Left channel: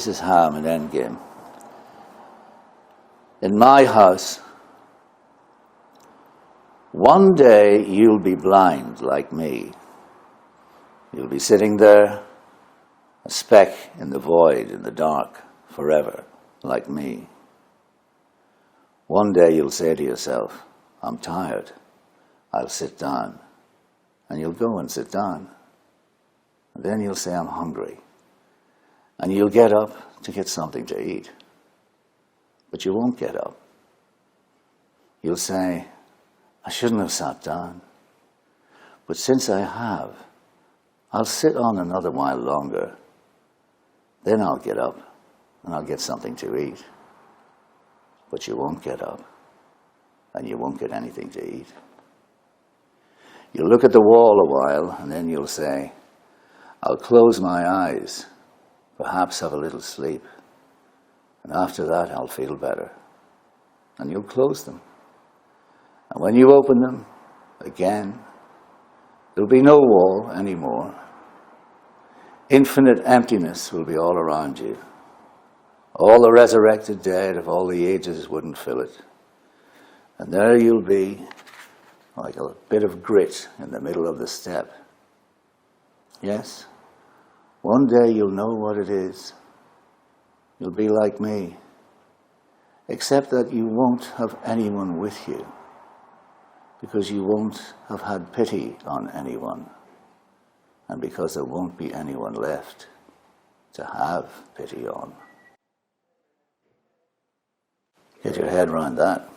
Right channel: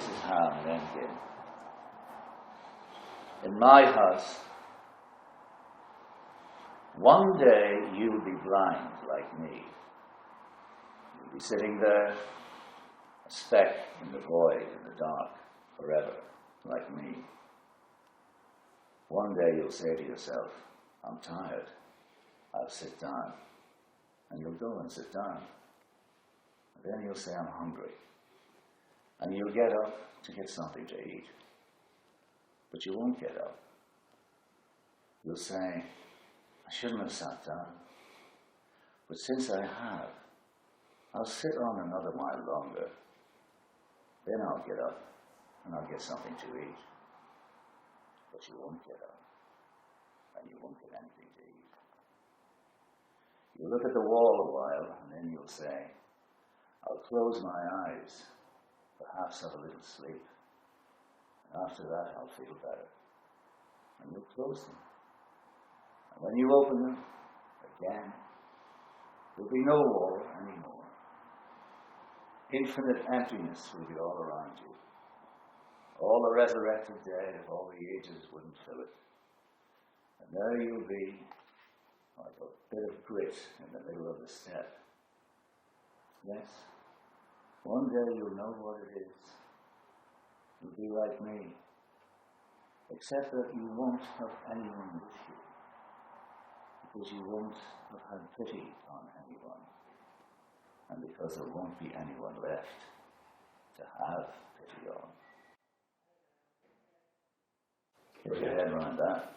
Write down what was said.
This is how I'm an endgame. In my house, one day you'll be blind like me. You'll be sitting there, a speck in the void, in the dark, forever, like me. One day you'll say to yourself, I'm tired, I'll sit down. And you'll go and sit down. And then you'll say, I'm hungry. And you'll get up to get something to eat. But you won't get up. You'll say, I shouldn't have sat down. But since I have, I'll sit on another while longer. Then I'll get up and I'll get something to eat. But you won't get up and you won't get anything to eat. You'll look at the wall a while and then you'll say, I'll close my eyes, perhaps have a little sleep. And after that, I'll feel better. And you'll close them. And when you open them, again, there'll be no wall anymore. Infinite emptiness will be all around you. All the resurrected dead of all the ages wouldn't fill it. And there you'll be, like a bit of grit in the middle of the step. Yes, one day you'll know what it is. You'll be like me, except that you won't have anyone with you, because you won't have had pity on anyone, and because there won't be anyone left to have pity on. Get your head around that.